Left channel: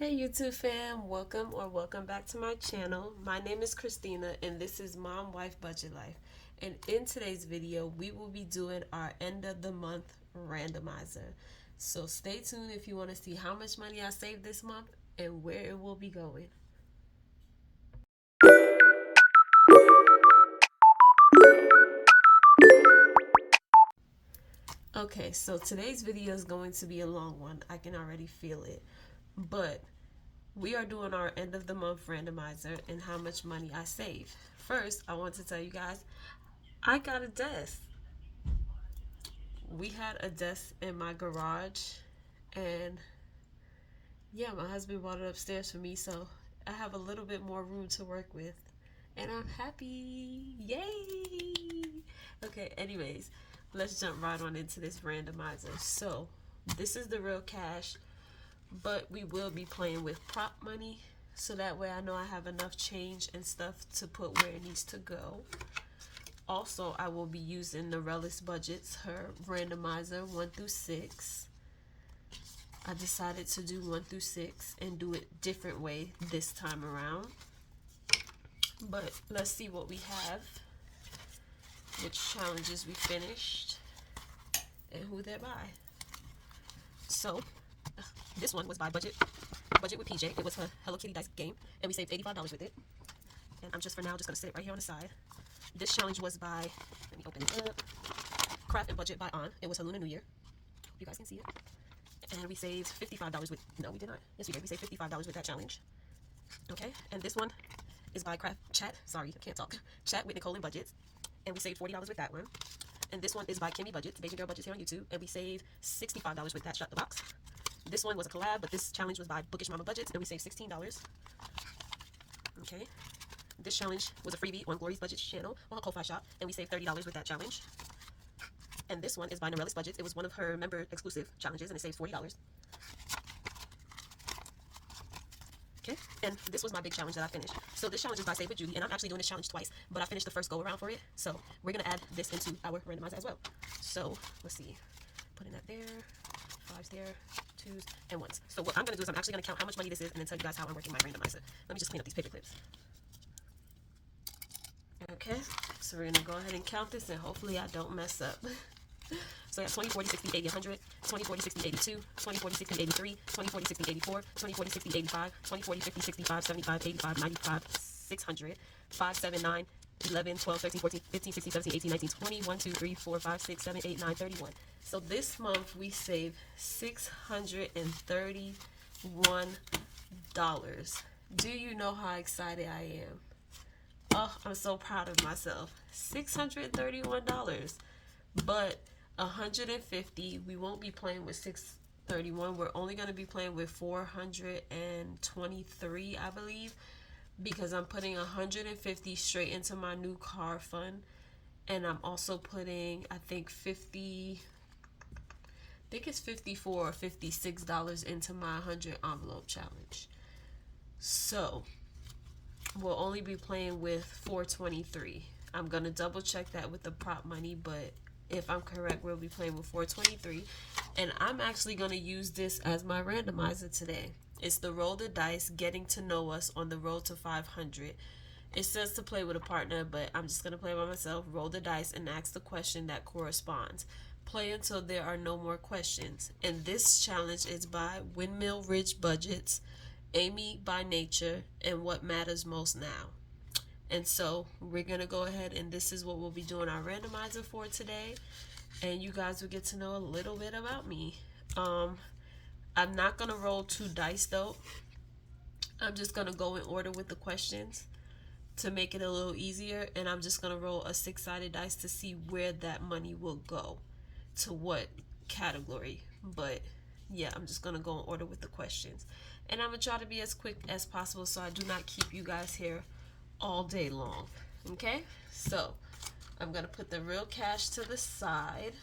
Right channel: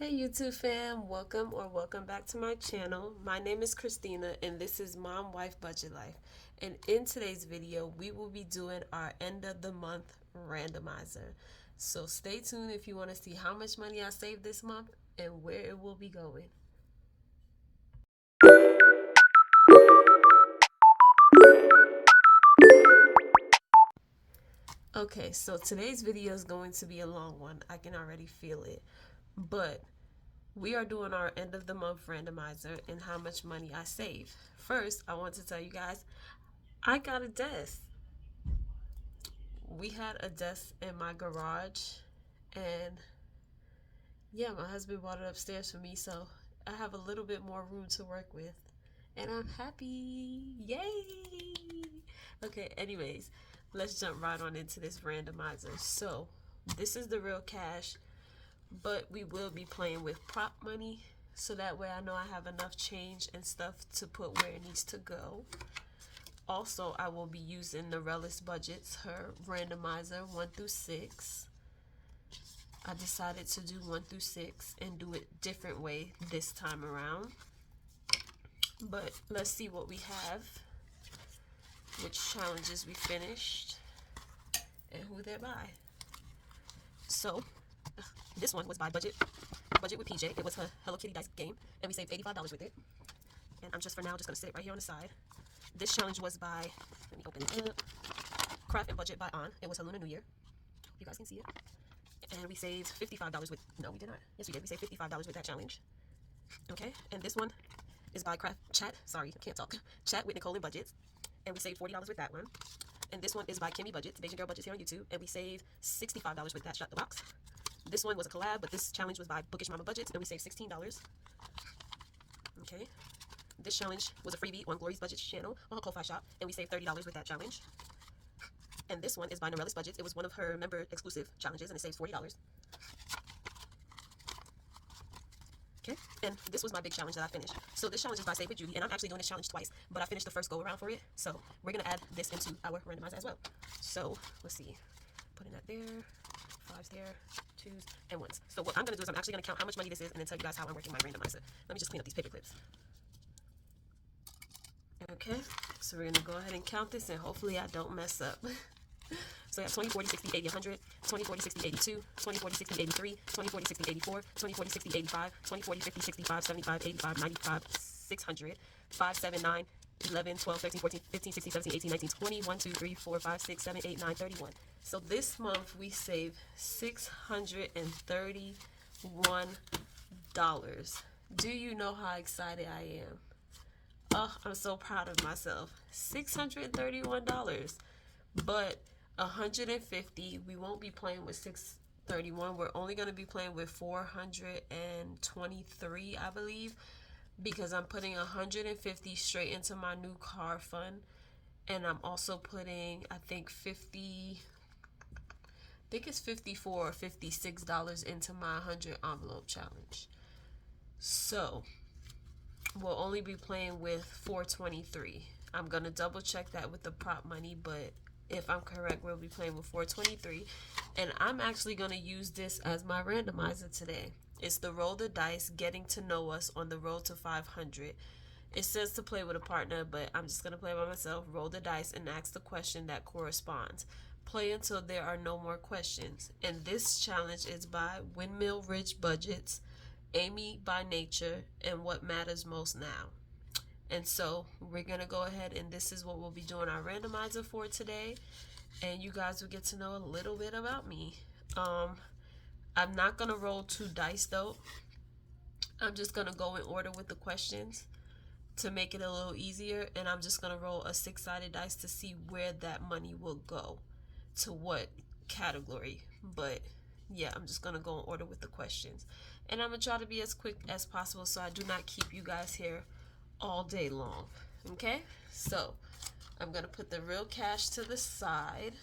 Hey YouTube fam, welcome back to my channel. My name is Christina and this is Mom Wife Budget Life. And in today's video, we will be doing our end of the month randomizer. So stay tuned if you want to see how much money I saved this month and where it will be going. Okay, so today's video is going to be a long one. I can already feel it. But we are doing our end of the month randomizer and how much money I saved. First, I want to tell you guys, I got a desk. We had a desk in my garage, and yeah, my husband brought it upstairs for me, so I have a little bit more room to work with, and I'm happy. Yay! Okay, anyways, let's jump right on into this randomizer. So, this is the real cash, but we will be playing with prop money, so that way I know I have enough change and stuff to put where it needs to go. Also, I will be using Norella's budgets, her randomizer 1 through 6. I decided to do 1 through 6 and do it different way this time around. But let's see what we have, which challenges we finished, and who they're by. So, this one was by Budget with PJ. It was her Hello Kitty dice game, and we saved $85 with it. And I'm just for now just gonna sit right here on the side. This challenge was by, let me open it up, Craft and Budget by On. It was her Lunar New Year. Hope you guys can see it. And we saved $55 with, no we did not. Yes we did, we saved $55 with that challenge. Okay, and this one is by Chat, I can't talk. Chat with Nicole and Budgets. And we saved $40 with that one. And this one is by Kimmy Budgets, Beijing Girl Budgets here on YouTube. And we saved $65 with that Shut the Box. This one was a collab, but this challenge was by Bookish Mama Budgets, and we saved $16. Okay. This challenge was a freebie on Glory's Budgets channel on her Ko-Fi shop, and we saved $30 with that challenge. And this one is by Norella's Budgets. It was one of her member exclusive challenges, and it saves $40. Okay, and this was my big challenge that I finished. So this challenge is by Save with Julie, and I'm actually doing this challenge twice, but I finished the first go around for it. So we're gonna add this into our randomizer as well. So let's see, putting that there, 5s there, 2s, and 1s. So what I'm gonna do is I'm actually gonna count how much money this is, and then tell you guys how I'm working my randomizer. Let me just clean up these paper clips. Okay, so we're gonna go ahead and count this, and hopefully I don't mess up. So I got 20, 40, 60, 80, 100, 20, 40, 60, 82, 20, 40, 60, 83, 20, 40, 60, 84, 20, 40, 60, 85, 20, 40, 50, 65, 75, 85, 95, 600, 5, 7, 9, 11, 12, 13, 14, 15, 16, 17, 18, 19, 20, 1, 2, 3, 4, 5, 6, 7, 8, 9, 31. So this month we saved $631. Do you know how excited I am? Oh, I'm so proud of myself. $631. But 150, we won't be playing with 631. We're only going to be playing with 423, I believe, because I'm putting 150 straight into my new car fund, and I'm also putting, I think it's 54 or $56 into my 100 envelope challenge. So we'll only be playing with 423. I'm going to double check that with the prop money, but if I'm correct, we'll be playing with 423. And I'm actually going to use this as my randomizer today. It's the Roll the Dice, Getting to Know Us on the Road to 500. It says to play with a partner, but I'm just going to play by myself. Roll the dice and ask the question that corresponds. Play until there are no more questions. And this challenge is by Windmill Ridge Budgets, Amy by Nature, and What Matters Most Now. And so we're going to go ahead, and this is what we'll be doing our randomizer for today. And you guys will get to know a little bit about me. I'm not going to roll 2 dice though. I'm just going to go in order with the questions to make it a little easier. And I'm just going to roll a 6-sided dice to see where that money will go, to what category. But yeah, I'm just going to go in order with the questions. And I'm going to try to be as quick as possible so I do not keep you guys here all day long. Okay, so I'm gonna put the real cash to the side,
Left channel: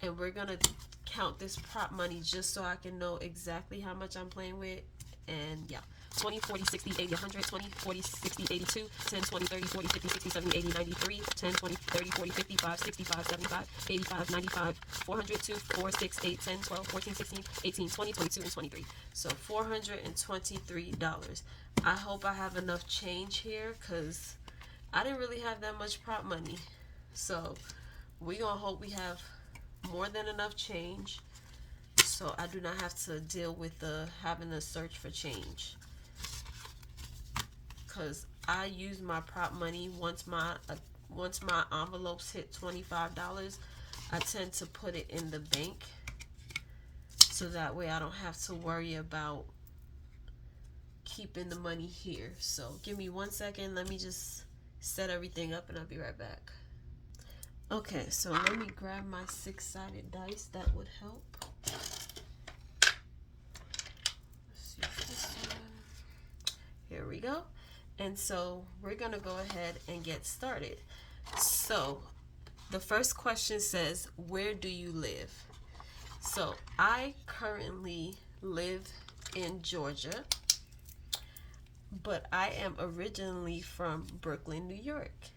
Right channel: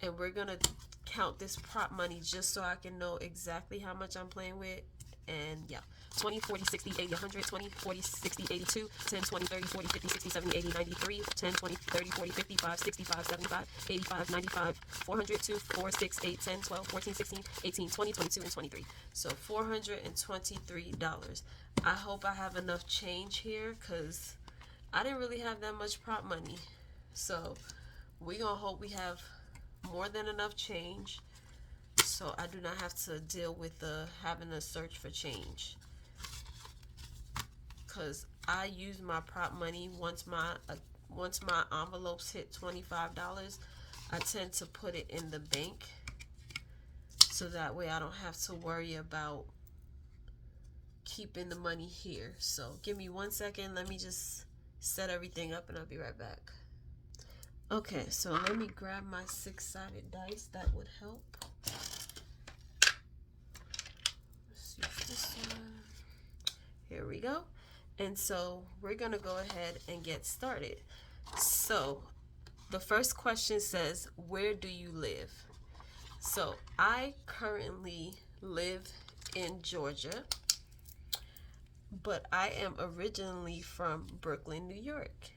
and we're gonna count this prop money just so I can know exactly how much I'm playing with And yeah, 20, 40, 60, 80, 100, 20, 40, 60, 82, 10, 20, 30, 40, 50, 60, 70, 80, 93, 10, 20, 30, 40, 55, 65, 75, 85, 95, 402, 4, 6, 8, 10, 12, 14, 16, 18, 20, 22, and 23. So $423. I hope I have enough change here because I didn't really have that much prop money. So we're going to hope we have more than enough change so I do not have to deal with having to search for change. Because I use my prop money once my envelopes hit $25, I tend to put it in the bank so that way I don't have to worry about keeping the money here. So give me 1 second, let me just set everything up and I'll be right back. Okay, so let me grab my 6-sided dice. That would help. Let's use this one. Here we go. And so we're gonna go ahead and get started. So the first question says, where do you live? So I currently live in Georgia, but I am originally from Brooklyn, New York.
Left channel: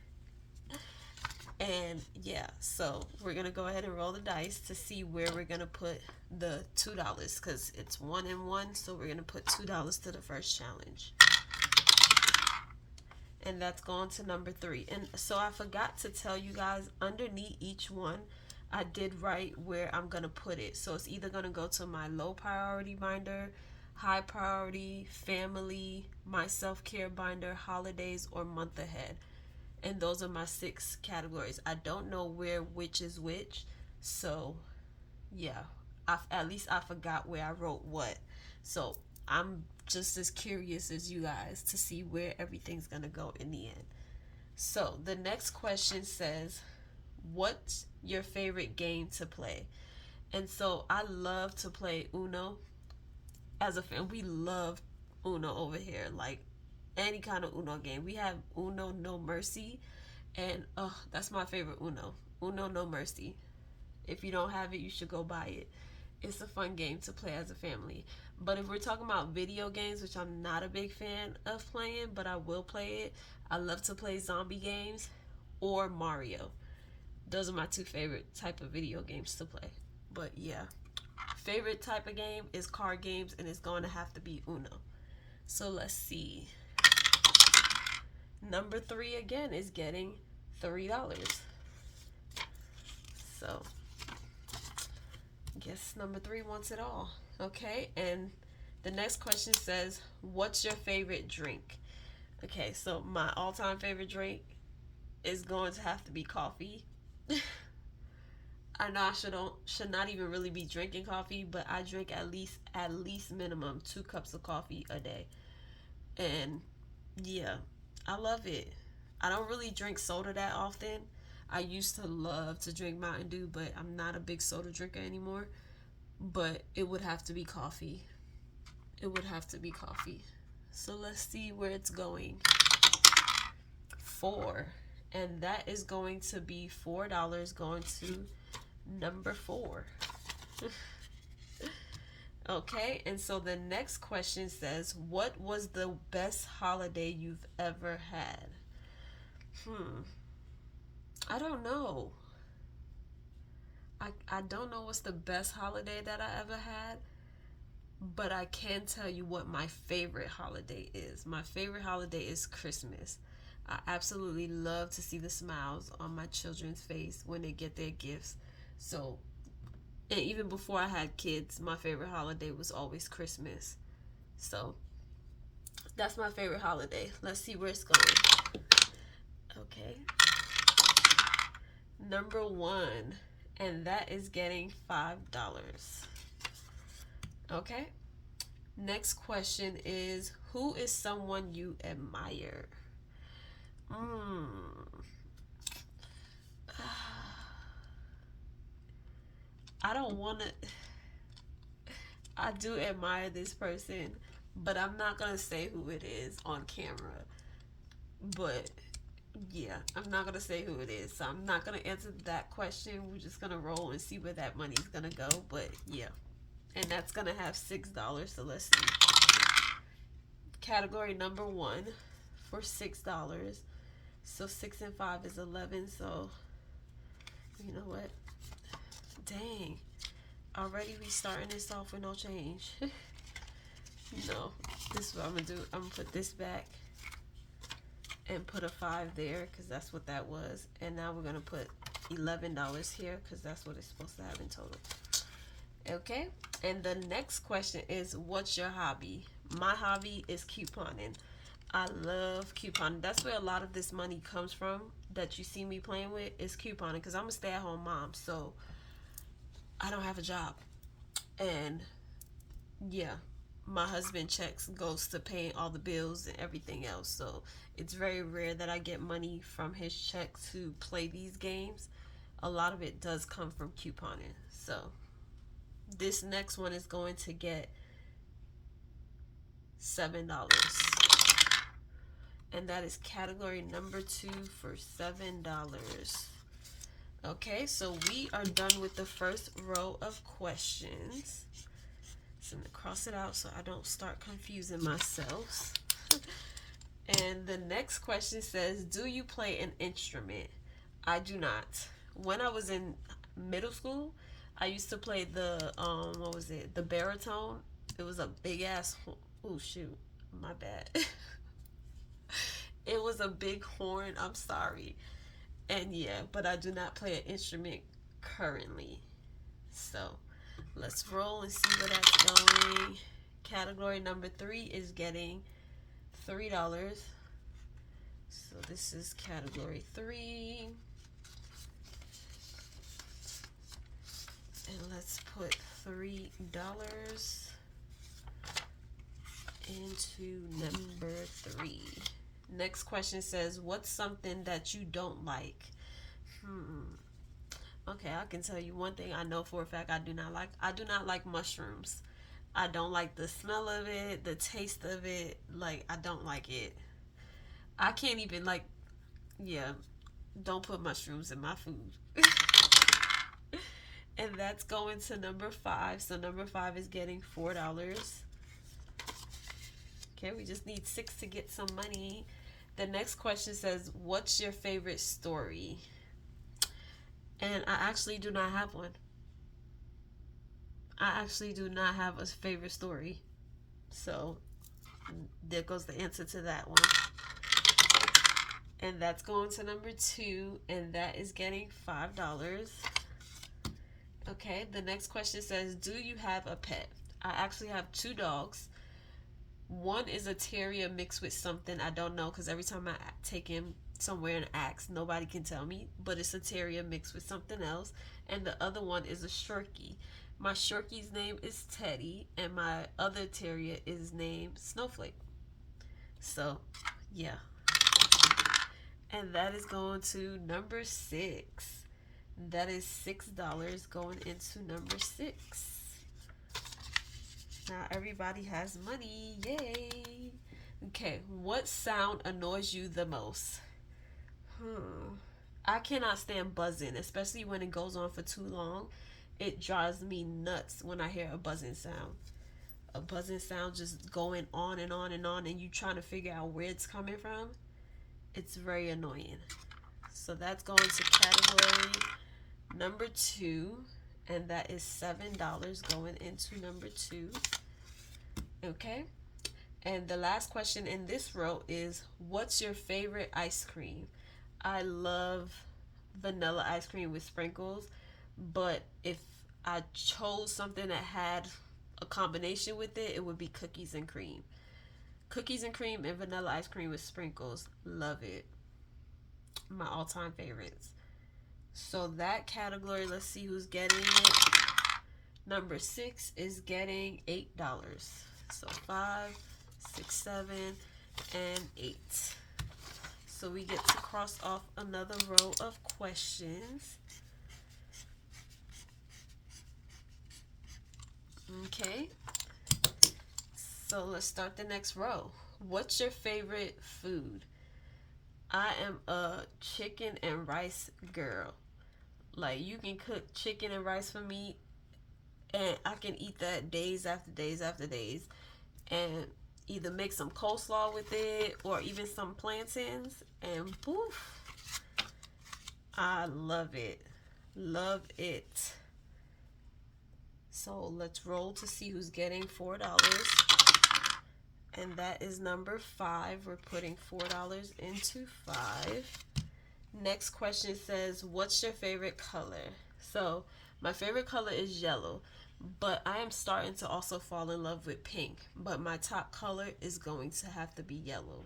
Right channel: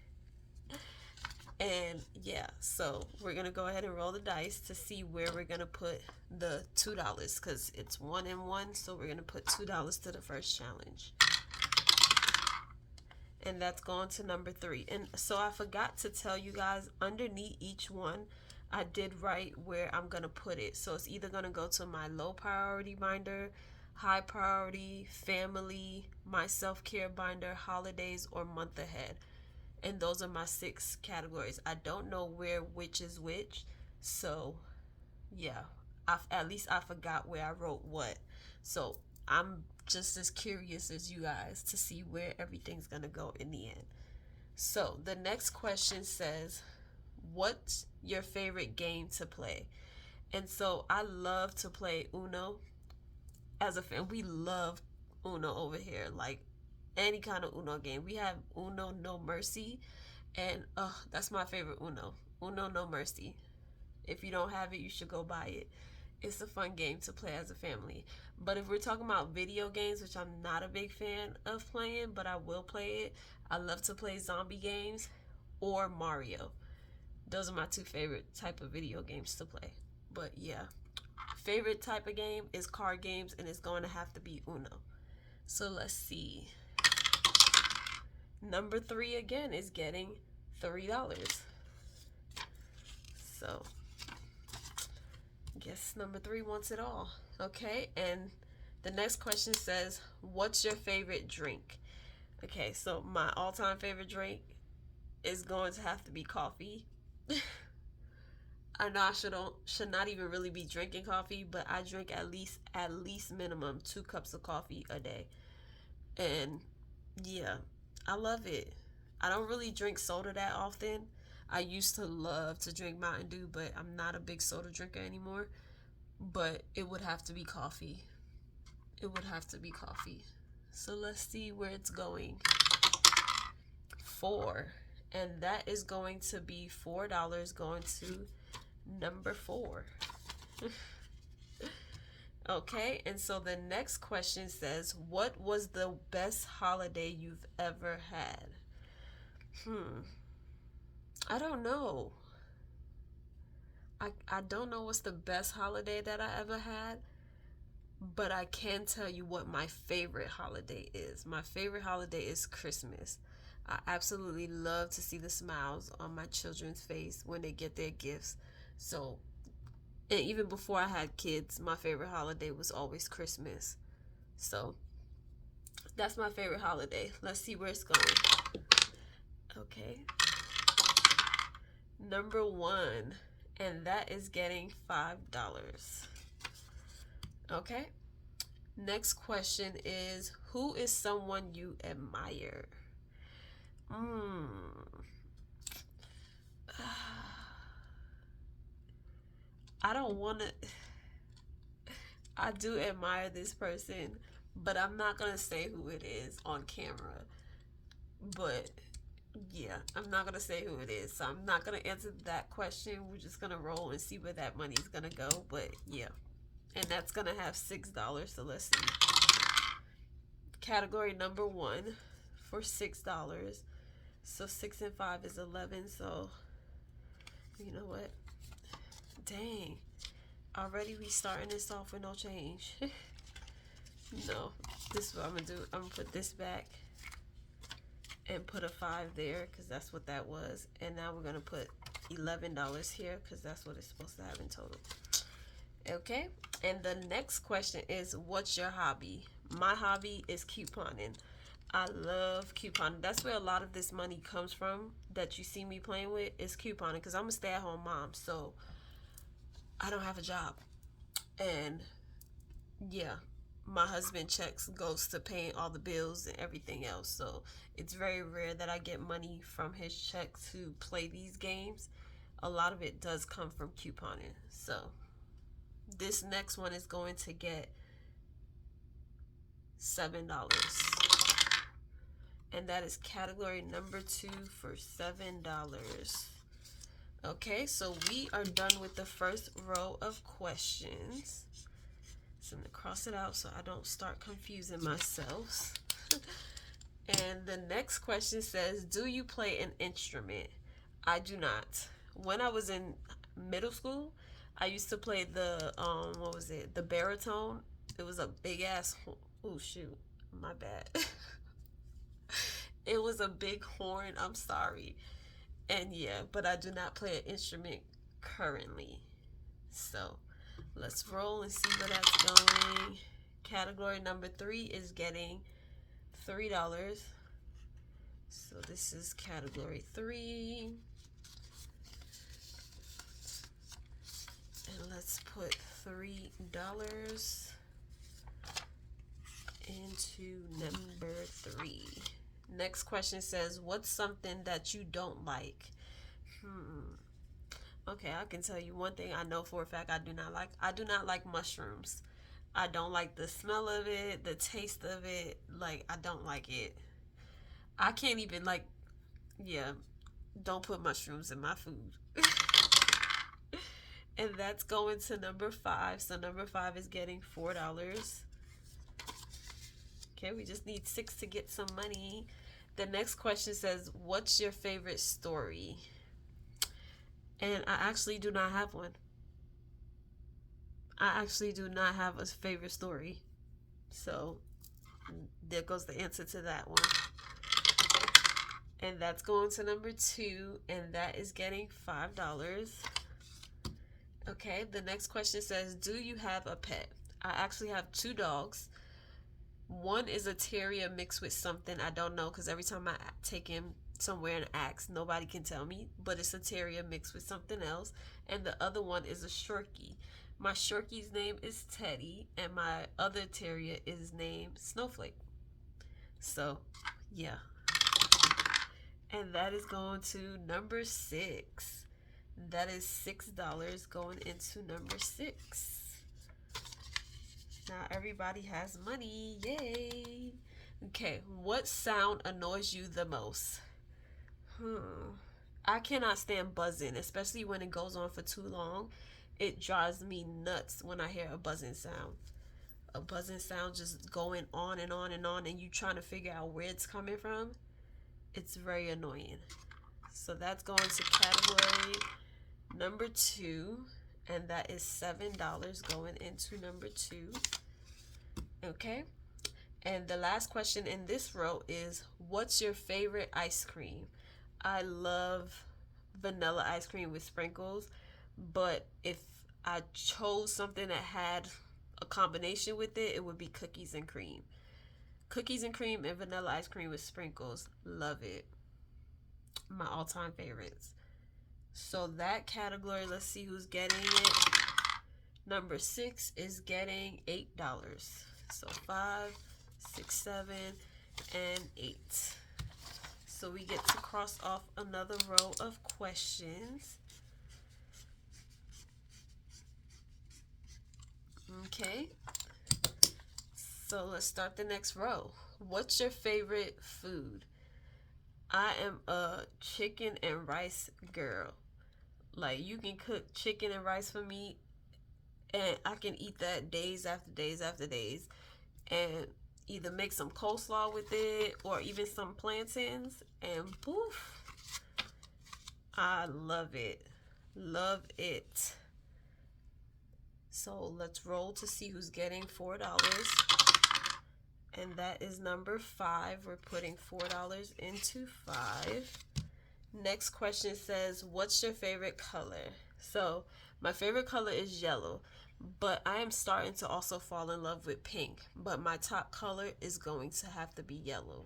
And yeah, so we're gonna go ahead and roll the dice to see where we're gonna put the $2 because it's 1 and 1. So we're gonna put $2 to the first challenge, and that's going to number 3. And so I forgot to tell you guys, underneath each one I did write where I'm gonna put it. So it's either gonna go to my low priority binder, high priority, family, my self-care binder, holidays, or month ahead. And those are my 6 categories. I don't know which is which. So yeah, at least I forgot where I wrote what. So I'm just as curious as you guys to see where everything's gonna go in the end. So the next question says, what's your favorite game to play? And so I love to play Uno. As a fan, we love Uno over here. Like any kind of Uno game. We have Uno No Mercy, and that's my favorite Uno. Uno No Mercy. If you don't have it, you should go buy it. It's a fun game to play as a family. But if we're talking about video games, which I'm not a big fan of playing, but I will play it, I love to play zombie games or Mario. Those are my 2 favorite type of video games to play. But yeah, favorite type of game is card games, and it's going to have to be Uno. So let's see. Number 3 again is getting $3. So guess number 3 wants it all. Okay, and the next question says, what's your favorite drink? Okay, so my all-time favorite drink is going to have to be coffee. I know I should not even really be drinking coffee, but I drink at least minimum 2 cups of coffee a day. And yeah, I love it. I don't really drink soda that often. I used to love to drink Mountain Dew, but I'm not a big soda drinker anymore. But it would have to be coffee. It would have to be coffee. So let's see where it's going. 4. And that is going to be $4 going to number 4. Okay, and so the next question says, what was the best holiday you've ever had? I don't know. I don't know what's the best holiday that I ever had, but I can tell you what my favorite holiday is. My favorite holiday is Christmas. I absolutely love to see the smiles on my children's face when they get their gifts. So, and even before I had kids, my favorite holiday was always Christmas. So, that's my favorite holiday. Let's see where it's going. Okay. Number 1, and that is getting $5. Okay. Next question is, who is someone you admire? I don't want to. I do admire this person, but I'm not going to say who it is on camera. But yeah, I'm not going to say who it is. So I'm not going to answer that question. We're just going to roll and see where that money is going to go. But yeah, and that's going to have $6. So let's see. category number 1 for $6. So 6 and 5 is 11. So you know what? Dang. Already we starting this off with no change. No. This is what I'm going to do. I'm going to put this back and put a 5 there because that's what that was. And now we're going to put $11 here because that's what it's supposed to have in total. Okay. And the next question is, what's your hobby? My hobby is couponing. I love couponing. That's where a lot of this money comes from that you see me playing with, is couponing, because I'm a stay-at-home mom, so I don't have a job. And yeah, my husband checks goes to paying all the bills and everything else, so it's very rare that I get money from his check to play these games. A lot of it does come from couponing. So this next one is going to get $7. And that is category number 2 for $7. Okay, so we are done with the first row of questions. So I'm going to cross it out so I don't start confusing myself. And the next question says, do you play an instrument? I do not. When I was in middle school, I used to play the, what was it? The baritone. It was a big ass, oh shoot, my bad. It was a big horn. I'm sorry. And yeah, but I do not play an instrument currently. So let's roll and see where that's going. Category number 3 is getting $3. So this is category 3. And let's put $3 into number 3. Next question says, what's something that you don't like? Okay, I can tell you one thing I know for a fact I do not like. I do not like mushrooms. I don't like the smell of it, the taste of it. Like, I don't like it. I can't even, like, yeah, don't put mushrooms in my food. And that's going to number 5. So number 5 is getting $4. Okay, we just need 6 to get some money. The next question says, what's your favorite story? And I actually do not have one. I actually do not have a favorite story. So there goes the answer to that one. And that's going to number 2, and that is getting $5. Okay, the next question says, do you have a pet? I actually have 2 dogs. One is a terrier mixed with something I don't know, because every time I take him somewhere and ask, nobody can tell me, but it's a terrier mixed with something else. And the other one is a Shorkie. My Shorkie's name is Teddy, and my other terrier is named Snowflake. So yeah, and that is going to number 6. That is $6 going into number 6. Now everybody has money. Yay. Okay, what sound annoys you the most? I cannot stand buzzing, especially when it goes on for too long. It drives me nuts when I hear a buzzing sound. A buzzing sound just going on and on and on, and you trying to figure out where it's coming from. It's very annoying. So that's going to category number 2. And that is $7 going into number 2. Okay. And the last question in this row is, what's your favorite ice cream? I love vanilla ice cream with sprinkles. But if I chose something that had a combination with it, it would be cookies and cream. Cookies and cream and vanilla ice cream with sprinkles. Love it. My all-time favorites. So that category, let's see who's getting it. Number 6 is getting $8. So 5, 6, 7, and 8. So we get to cross off another row of questions. Okay. So let's start the next row. What's your favorite food? I am a chicken and rice girl. Like, you can cook chicken and rice for me, and I can eat that days after days after days. And Either make some coleslaw with it or even some plantains, and poof, I love it. Love it. So let's roll to see who's getting $4. And that is number 5. We're putting $4 into 5. Next question says, what's your favorite color? So my favorite color is yellow, but I am starting to also fall in love with pink. But my top color is going to have to be yellow.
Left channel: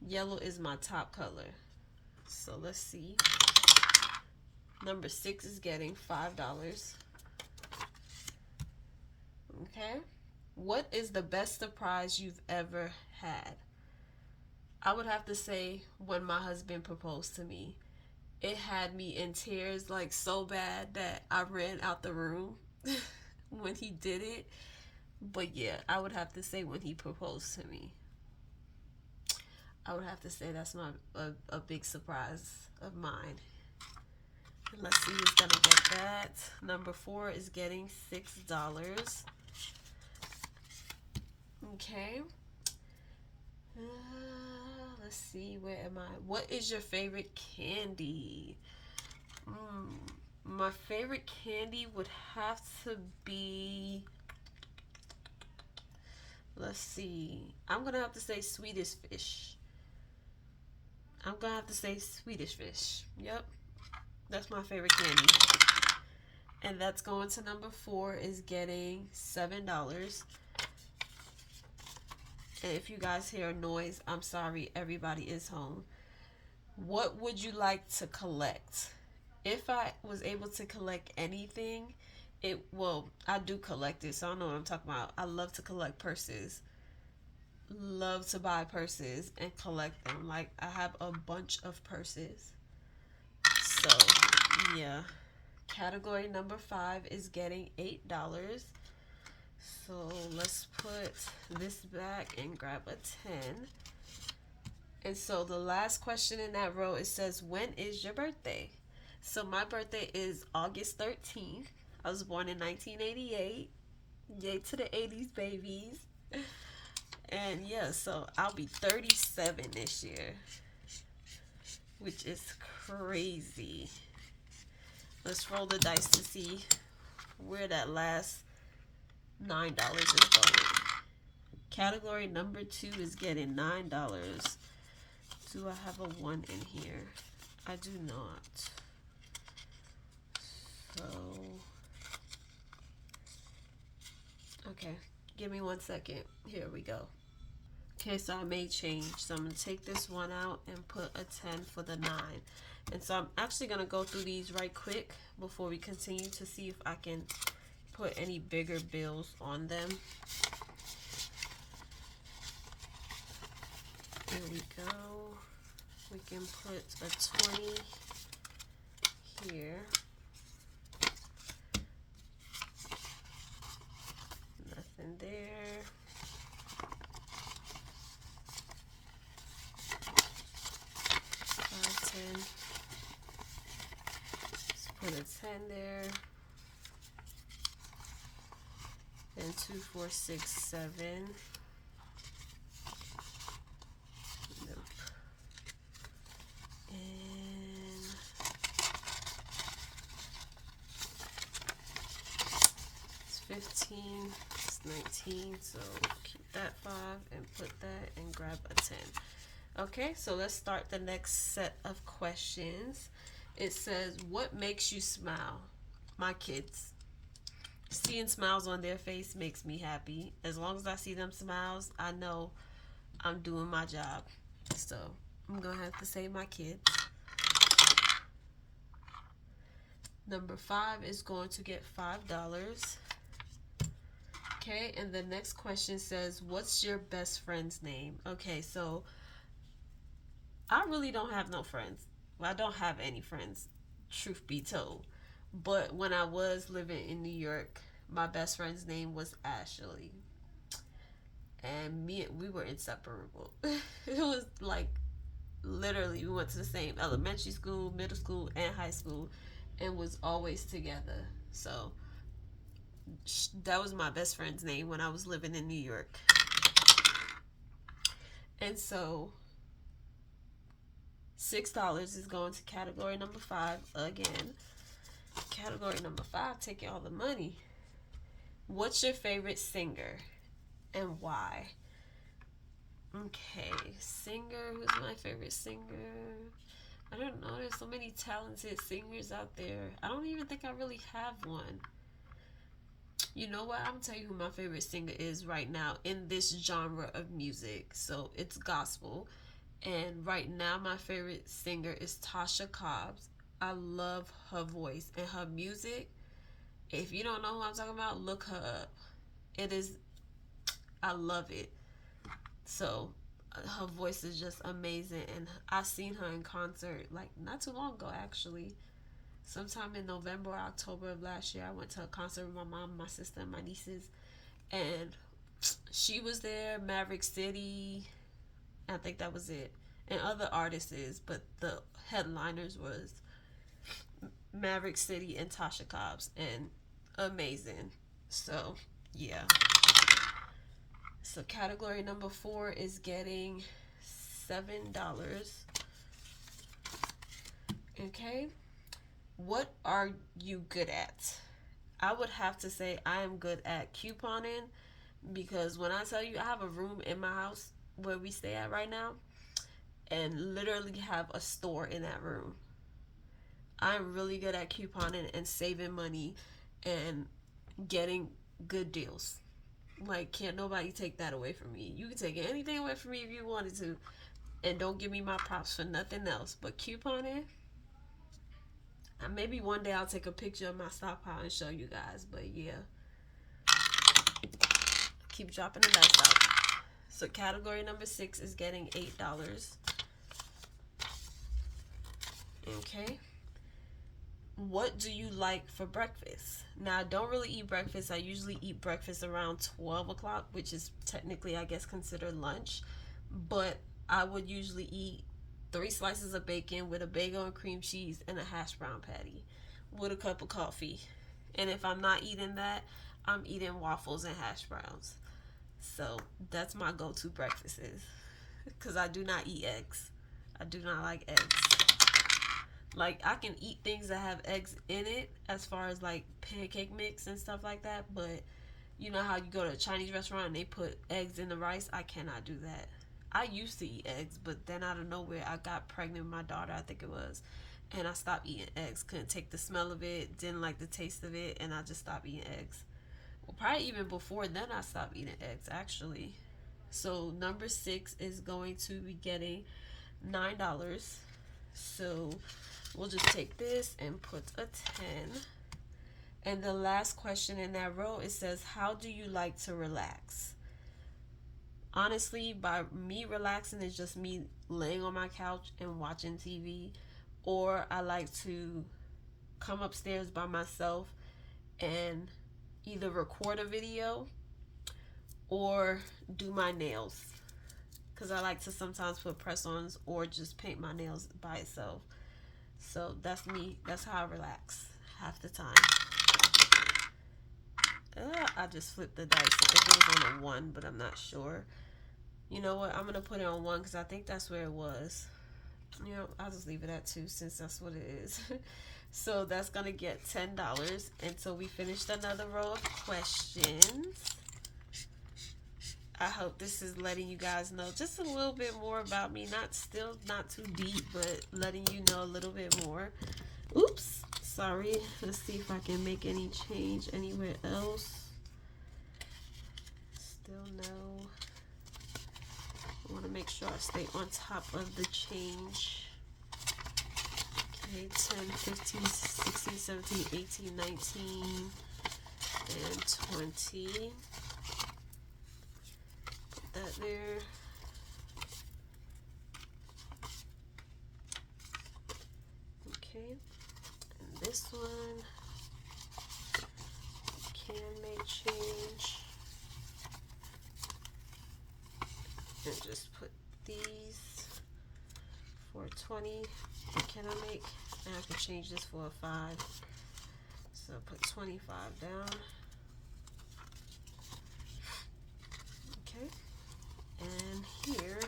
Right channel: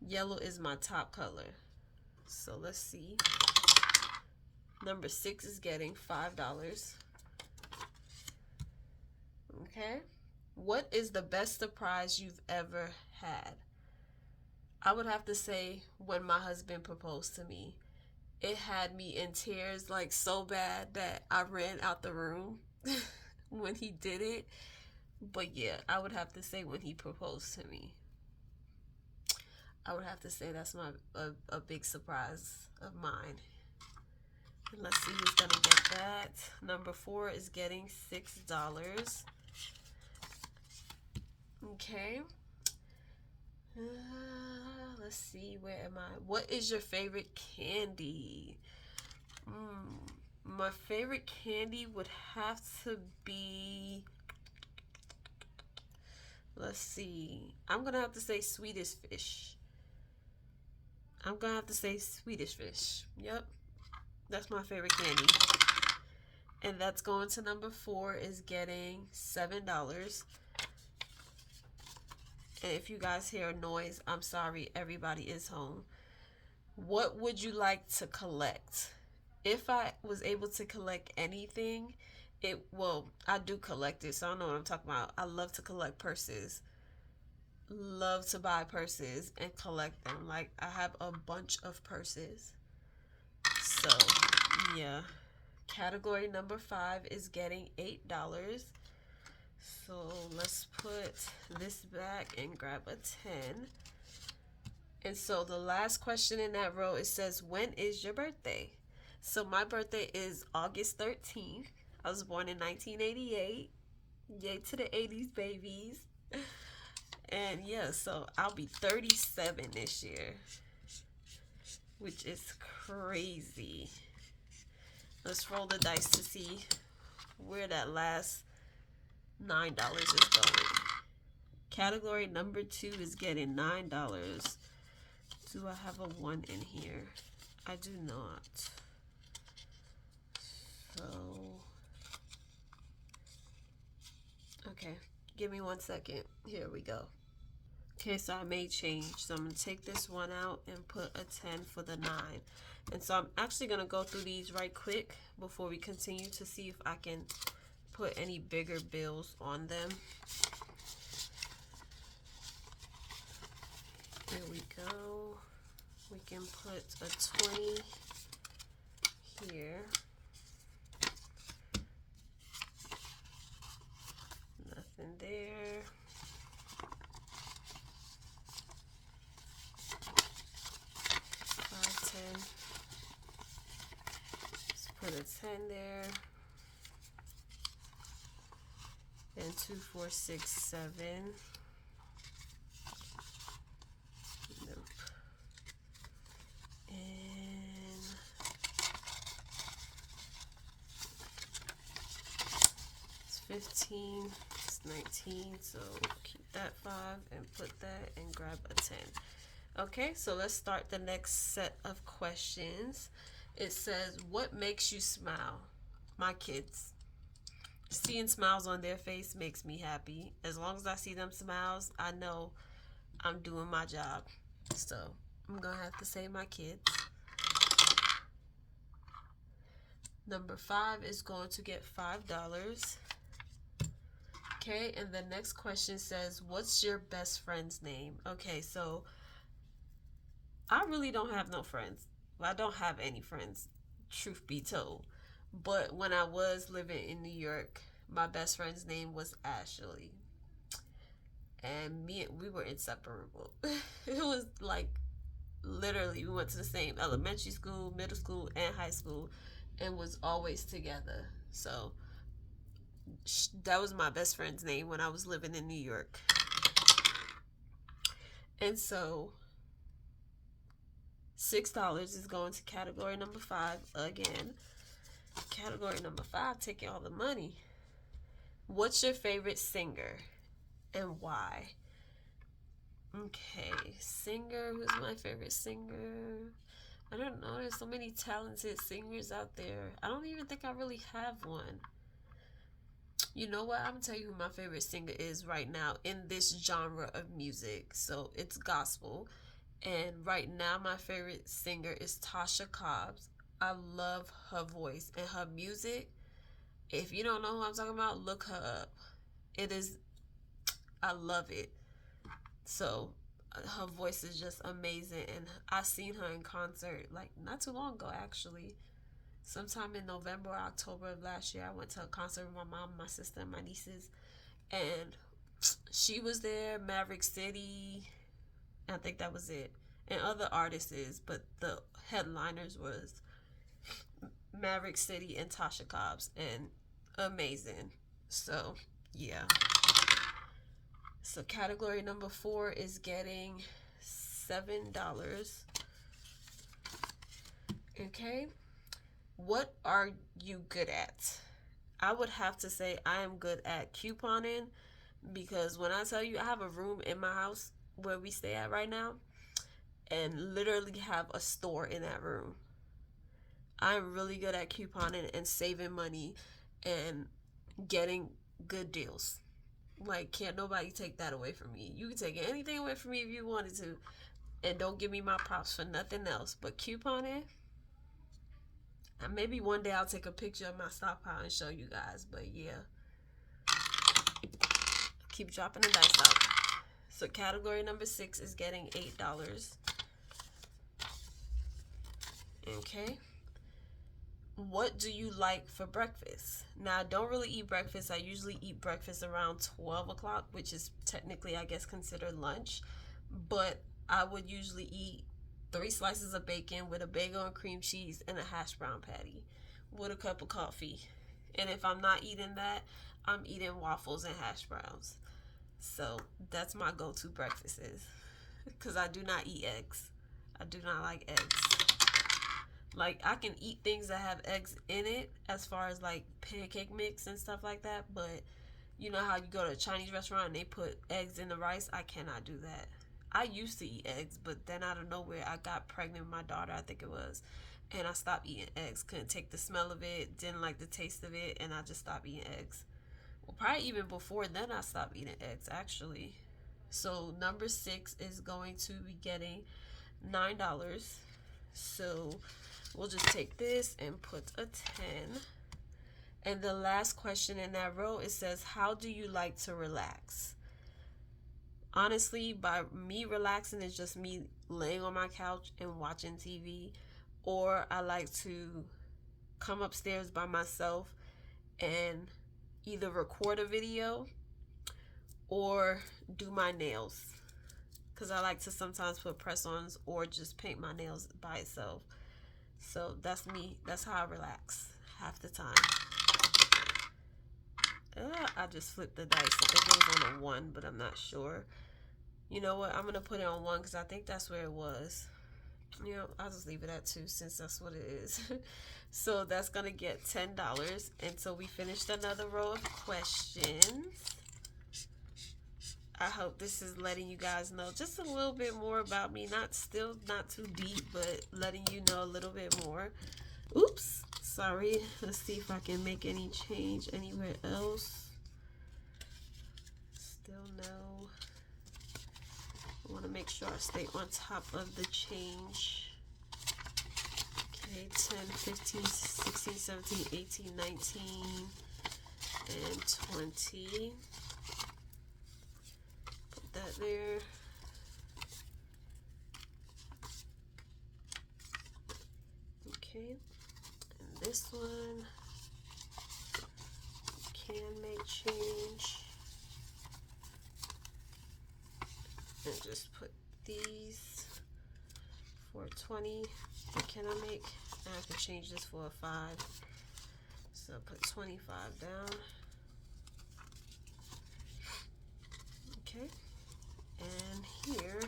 Yellow is my top color. So let's see. Number 6 is getting $5. Okay. What is the best surprise you've ever had? I would have to say when my husband proposed to me. It had me in tears, like so bad that I ran out the room when he did it. But yeah, I would have to say when he proposed to me. I would have to say that's a big surprise of mine. And let's see who's gonna get that. Number 4 is getting $6. Okay. Let's see, where am I? What is your favorite candy? My favorite candy would have to be, let's see, I'm gonna have to say Swedish fish. I'm gonna have to say Swedish fish. Yep, that's my favorite candy. And that's going to number 4 is getting $7. And if you guys hear a noise, I'm sorry, everybody is home. What would you like to collect? If I was able to collect anything, I do collect it, so I know what I'm talking about. I love to collect purses. Love to buy purses and collect them. Like, I have a bunch of purses. So, yeah. Category number 5 is getting $8. So let's put this back and grab a 10. And so the last question in that row, it says, when is your birthday? So my birthday is August 13th. I was born in 1988. Yay to the 80s babies. And yeah, so I'll be 37 this year, which is crazy. Let's roll the dice to see where that last $9 is going. Category number 2 is getting $9. Do I have a 1 in here? I do not. So, okay, give me 1 second. Here we go. Okay, so I made change. So I'm going to take this one out and put a 10 for the 9. And so I'm actually going to go through these right quick before we continue to see if I can put any bigger bills on them. Here we go. We can put a 20 here. Nothing there. Let's put a 10 there. Then 2, 4, 6, 7. Nope. And it's 15. It's 19. So keep that 5 and put that and grab a 10. Okay, so let's start the next set of questions. It says, what makes you smile? My kids. Seeing smiles on their face makes me happy. As long as I see them smiles, I know I'm doing my job. So I'm gonna have to say my kids. Number 5 is going to get $5. Okay, and the next question says, what's your best friend's name? Okay, so I really don't have no friends. Well, I don't have any friends, truth be told. But when I was living in New York, my best friend's name was Ashley. And we were inseparable. It was like, literally, we went to the same elementary school, middle school, and high school, and was always together. So that was my best friend's name when I was living in New York. And so $6 is going to category number 5 again. Category number 5, taking all the money. What's your favorite singer and why? Okay, singer. Who's my favorite singer? I don't know. There's so many talented singers out there. I don't even think I really have one. You know what? I'm gonna tell you who my favorite singer is right now in this genre of music. So it's gospel. And right now, my favorite singer is Tasha Cobbs. I love her voice and her music. If you don't know who I'm talking about, look her up. It is, I love it. So her voice is just amazing. And I've seen her in concert like not too long ago, actually. Sometime in November or October of last year, I went to a concert with my mom, my sister, and my nieces. And she was there, Maverick City. I think that was it. And other artists, but the headliners was Maverick City and Tasha Cobbs, and amazing. So yeah. So category number 4 is getting $7. Okay. What are you good at? I would have to say I am good at couponing, because when I tell you, I have a room in my house where we stay at right now and literally have a store in that room. I'm really good at couponing and saving money and getting good deals. Like, can't nobody take that away from me. You can take anything away from me if you wanted to, and don't give me my props for nothing else. But couponing, maybe one day I'll take a picture of my stockpile and show you guys. But yeah, keep dropping the dice out. So category number 6 is getting $8. Okay. What do you like for breakfast? Now, I don't really eat breakfast. I usually eat breakfast around 12 o'clock, which is technically, I guess, considered lunch. But I would usually eat 3 slices of bacon with a bagel and cream cheese and a hash brown patty with a cup of coffee. And if I'm not eating that, I'm eating waffles and hash browns. So that's my go-to breakfast is. Because I do not eat eggs. I do not like eggs. Like, I can eat things that have eggs in it, as far as like pancake mix and stuff like that, but you know how you go to a Chinese restaurant and they put eggs in the rice? I cannot do that. I used to eat eggs, but then out of nowhere I got pregnant with my daughter, I think it was, and I stopped eating eggs. Couldn't take the smell of it, didn't like the taste of it, and I just stopped eating eggs. Well, probably even before then I stopped eating eggs, actually. So number 6 is going to be getting $9. So we'll just take this and put a 10. And the last question in that row, it says, how do you like to relax? Honestly, by me relaxing is just me laying on my couch and watching TV. Or I like to come upstairs by myself and either record a video or do my nails. Because I like to sometimes put press-ons or just paint my nails by itself. So that's me. That's how I relax half the time. I just flipped the dice. I think it was on a 1, but I'm not sure. You know what? I'm going to put it on 1 because I think that's where it was. You know, I'll just leave it at 2 since that's what it is. So that's going to get $10 until we finished another row of questions. I hope this is letting you guys know just a little bit more about me. Not too deep, but letting you know a little bit more. Oops, sorry. Let's see if I can make any change anywhere else. Still no. I want to make sure I stay on top of the change. Okay, 10, 15, 16, 17, 18, 19, and 20. That there. Okay, and this one can make change, and just put these for 20. What can I make? I have to change this for a 5, so put 25 down. Okay. And here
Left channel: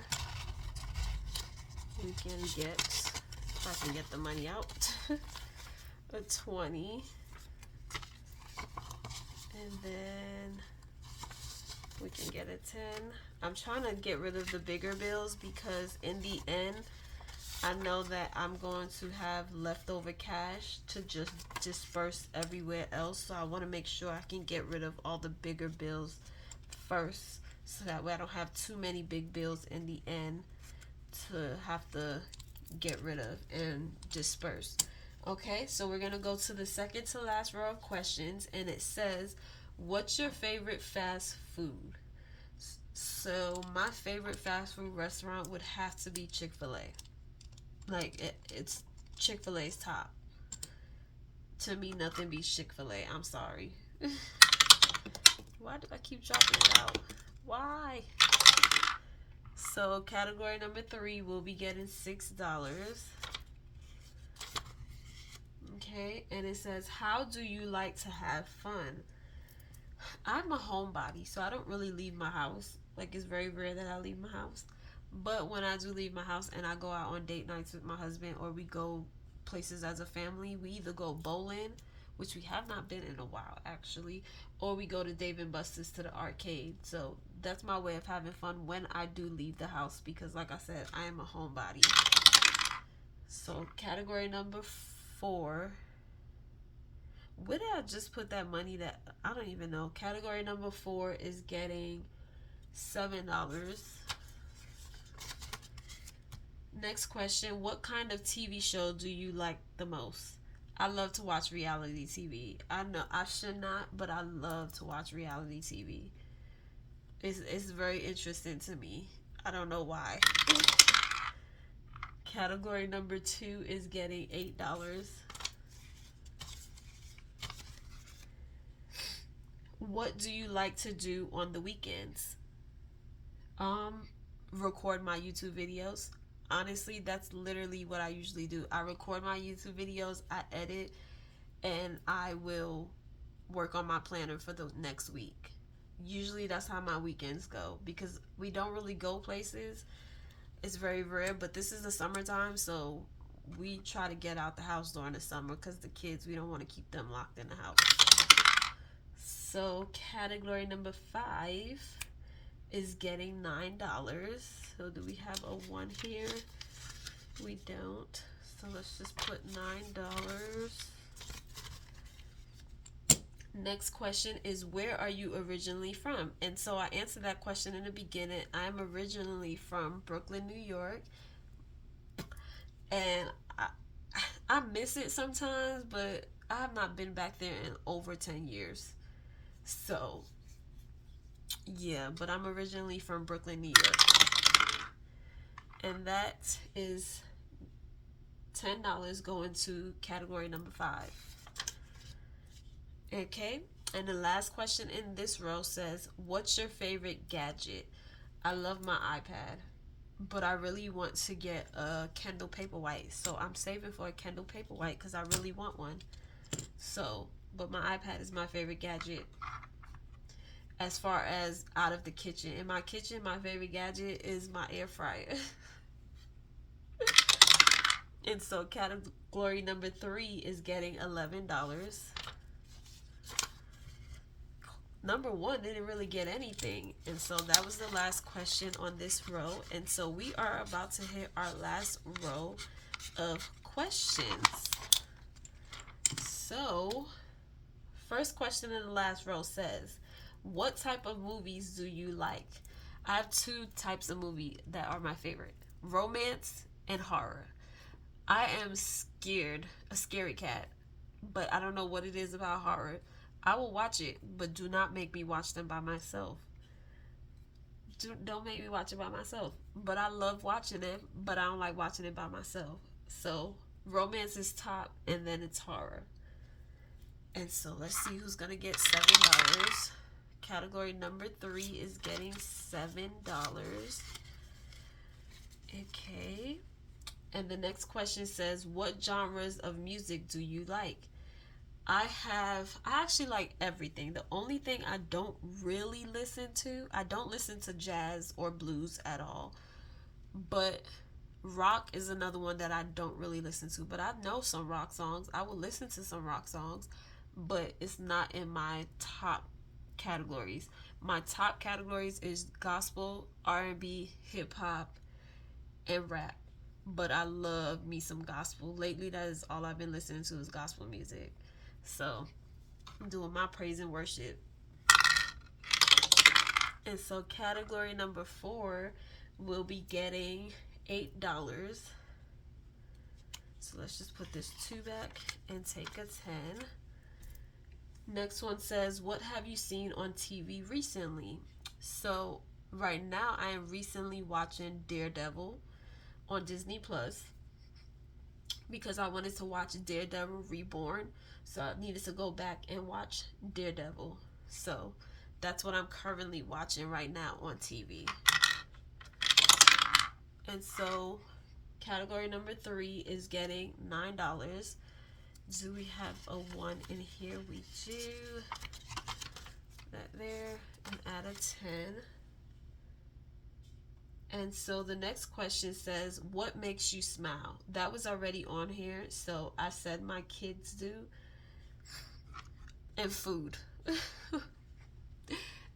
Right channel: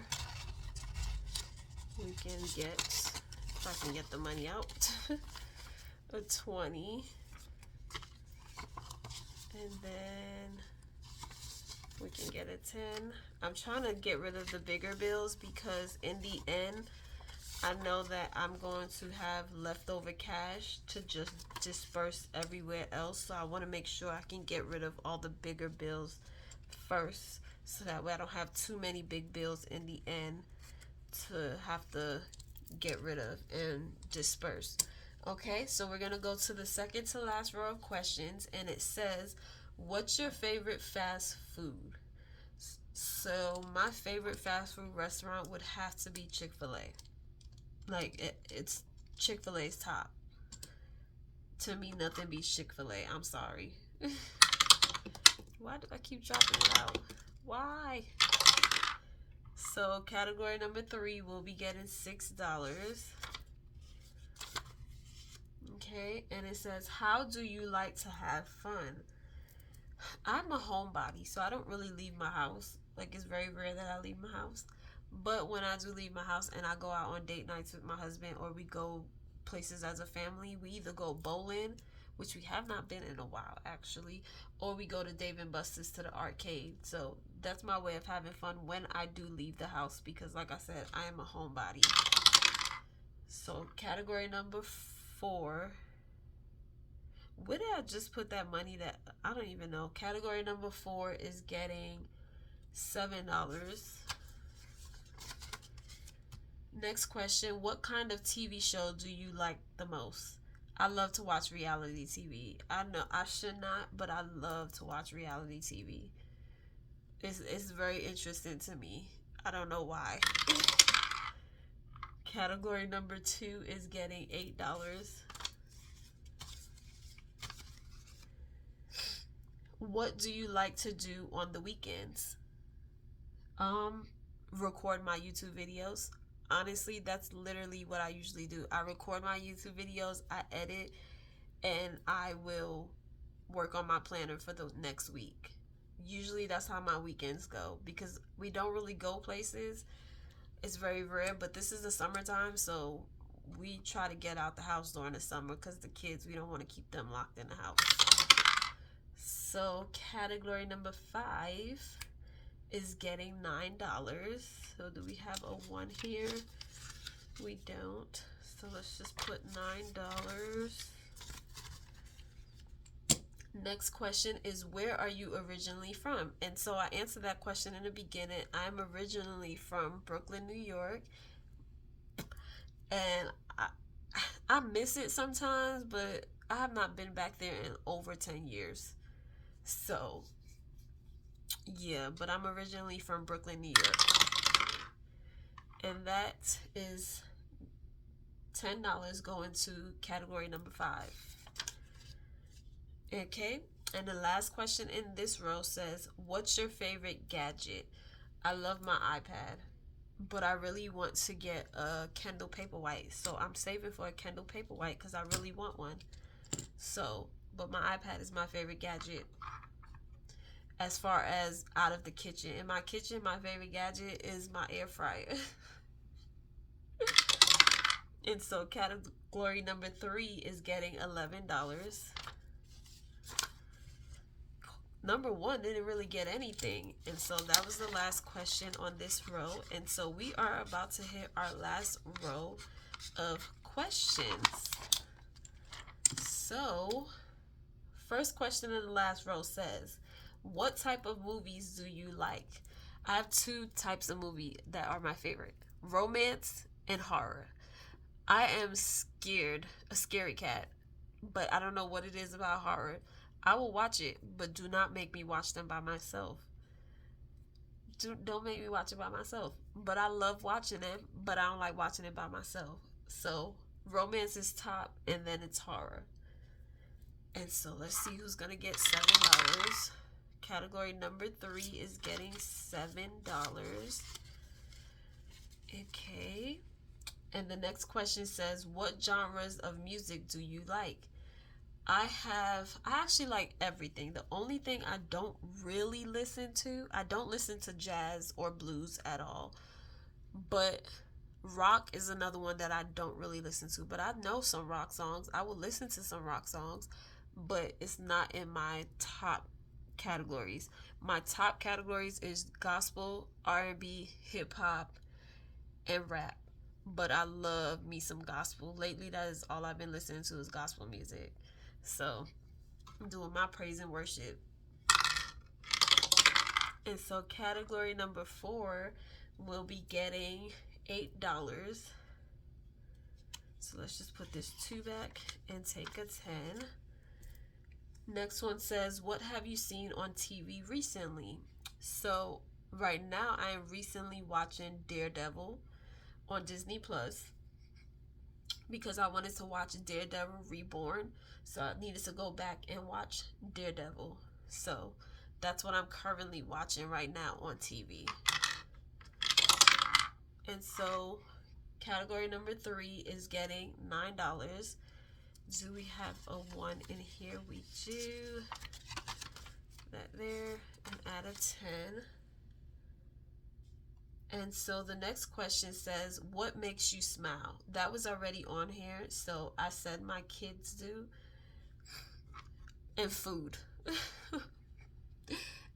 can get, if I can get the money out, a 20. And then we can get a 10. I'm trying to get rid of the bigger bills because in the end, I know that I'm going to have leftover cash to just disperse everywhere else. So I want to make sure I can get rid of all the bigger bills first, so that way I don't have too many big bills in the end to have to get rid of and disperse. Okay, so we're gonna go to the second to last row of questions, and it says, what's your favorite fast food? So my favorite fast food restaurant would have to be Chick-fil-A. Like, it's Chick-fil-A's top. To me, nothing beats Chick-fil-A. I'm sorry. Why do I keep dropping it out? Why? So category number 3 will be getting $6. Okay, and it says, how do you like to have fun? I'm a homebody, so I don't really leave my house. Like, it's very rare that I leave my house. But when I do leave my house and I go out on date nights with my husband, or we go places as a family, we either go bowling, which we have not been in a while actually, or we go to Dave and Buster's to the arcade. So that's my way of having fun when I do leave the house, because like I said, I am a homebody. So category number 4. Where did I just put that money that I don't even know? Category number 4 is getting $7. Next question, what kind of TV show do you like the most? I love to watch reality TV. I know I should not, but I love to watch reality TV. It's very interesting to me. I don't know why. Category number 2 is getting $8. What do you like to do on the weekends? Record my YouTube videos. Honestly, that's literally what I usually do. I record my YouTube videos, I edit, and I will work on my planner for the next week. Usually that's how my weekends go, because we don't really go places. It's very rare, but this is the summertime, so we try to get out the house during the summer because the kids, we don't want to keep them locked in the house. So category number 5 is getting $9. So do we have a 1 here? We don't. So let's just put $9. Next question is, where are you originally from? And so I answered that question in the beginning. I'm originally from Brooklyn, New York. And I miss it sometimes, but I have not been back there in over 10 years. So yeah, but I'm originally from Brooklyn, New York. And that is $10 going to category number 5. Okay, and the last question in this row says, what's your favorite gadget? I love my iPad, but I really want to get a Kindle Paperwhite. So I'm saving for a Kindle Paperwhite because I really want one. So, but my iPad is my favorite gadget. As far as out of the kitchen, in my kitchen, my favorite gadget is my air fryer. And so category number 3 is getting $11. Number 1 didn't really get anything, and so that was the last question on this row. And so we are about to hit our last row of questions. So first question in the last row says, what type of movies do you like? I have 2 types of movie that are my favorite: romance and horror. I am scared, a scary cat, but I don't know what it is about horror. I will watch it, but do not make me watch them by myself. Don't make me watch it by myself. But I love watching it, but I don't like watching it by myself. So romance is top, and then it's horror. And so let's see who's gonna get $7. Category number 3 is getting $7. Okay. And the next question says, what genres of music do you like? I actually like everything. The only thing I don't really listen to, I don't listen to jazz or blues at all. But Rock is another one that I don't really listen to, but I know some rock songs. I will listen to some rock songs, but it's not in my top categories. My top categories is gospel, R&B, hip hop, and rap. But I love me some gospel. Lately, that is all I've been listening to is gospel music. So I'm doing my praise and worship. And so category number 4 will be getting $8. So let's just put this 2 back and take a 10. Next one says, what have you seen on TV recently? So right now I am recently watching Daredevil on Disney Plus because I wanted to watch Daredevil Reborn. So I needed to go back and watch Daredevil. So that's what I'm currently watching right now on TV. And so category number 3 is getting $9. Do we have a 1 in here? We do. That there, and add a 10. And so the next question says, what makes you smile? That was already on here, so I said my kids do. And food.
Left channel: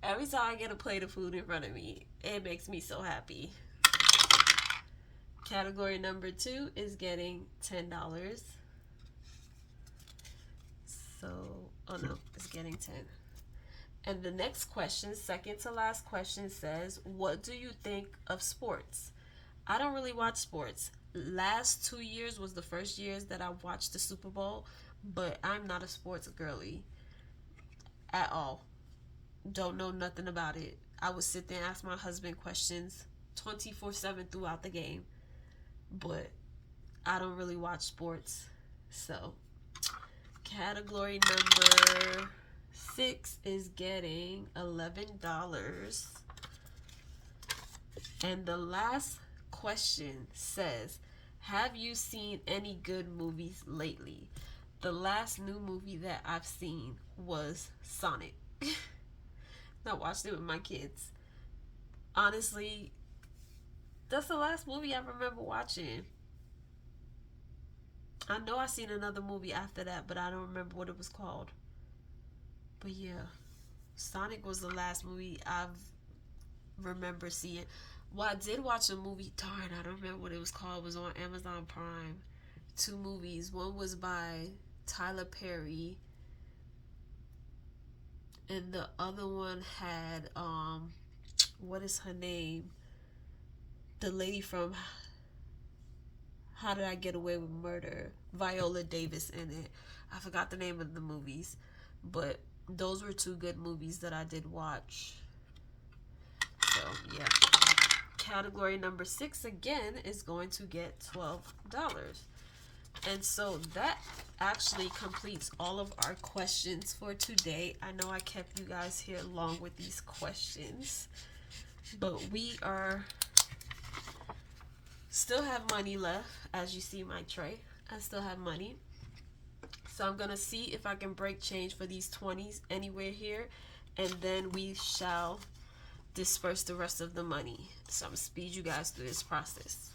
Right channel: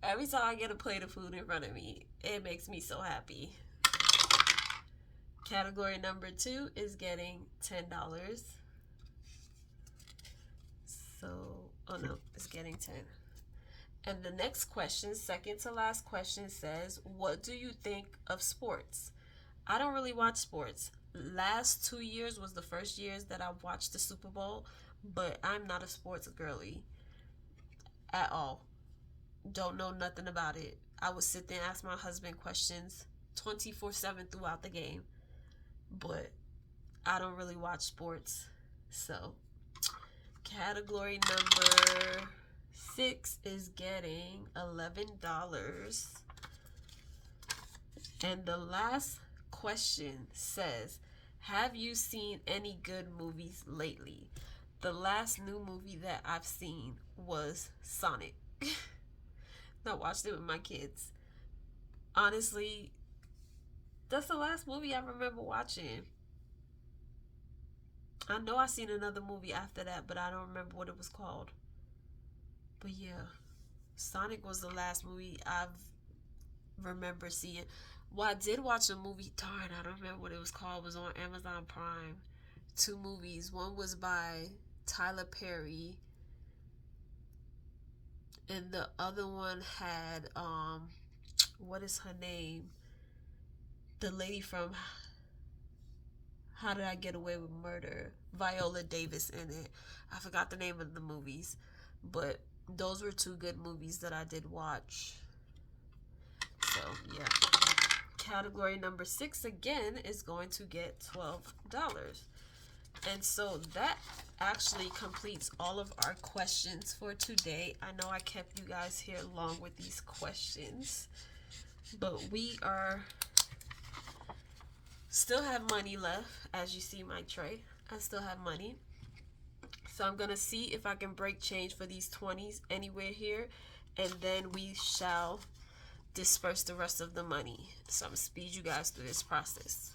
Every time I get a plate of food in front of me, it makes me so happy. Category number 2 is getting $10. So, oh no, it's getting 10. And the next question, second to last question, says, what do you think of sports? I don't really watch sports. Last 2 years was the first years that I watched the Super Bowl, but I'm not a sports girly at all. Don't know nothing about it. I would sit there and ask my husband questions 24/7 throughout the game, but I don't really watch sports. So, category number 6 is getting $11. And the last question says, have you seen any good movies lately? The last new movie that I've seen was Sonic. I watched it with my kids. Honestly, that's the last movie I remember watching. I know I seen another movie after that, but I don't remember what it was called. But yeah, Sonic was the last movie I remember seeing. Well, I did watch a movie. Darn, I don't remember what it was called. It was on Amazon Prime. 2 movies. One was by Tyler Perry, and the other one had what is her name? The lady from How Did I Get Away with Murder? Viola Davis in it. I forgot the name of the movies, but those were 2 good movies that I did watch. So yeah. Category number 6 again is going to get $12. And so that actually completes all of our questions for today. I know I kept you guys here long with these questions, but we are still have money left. As you see my tray, I still have money. So I'm gonna see if I can break change for these 20s anywhere here, and then we shall disperse the rest of the money. So I'm gonna speed you guys through this process.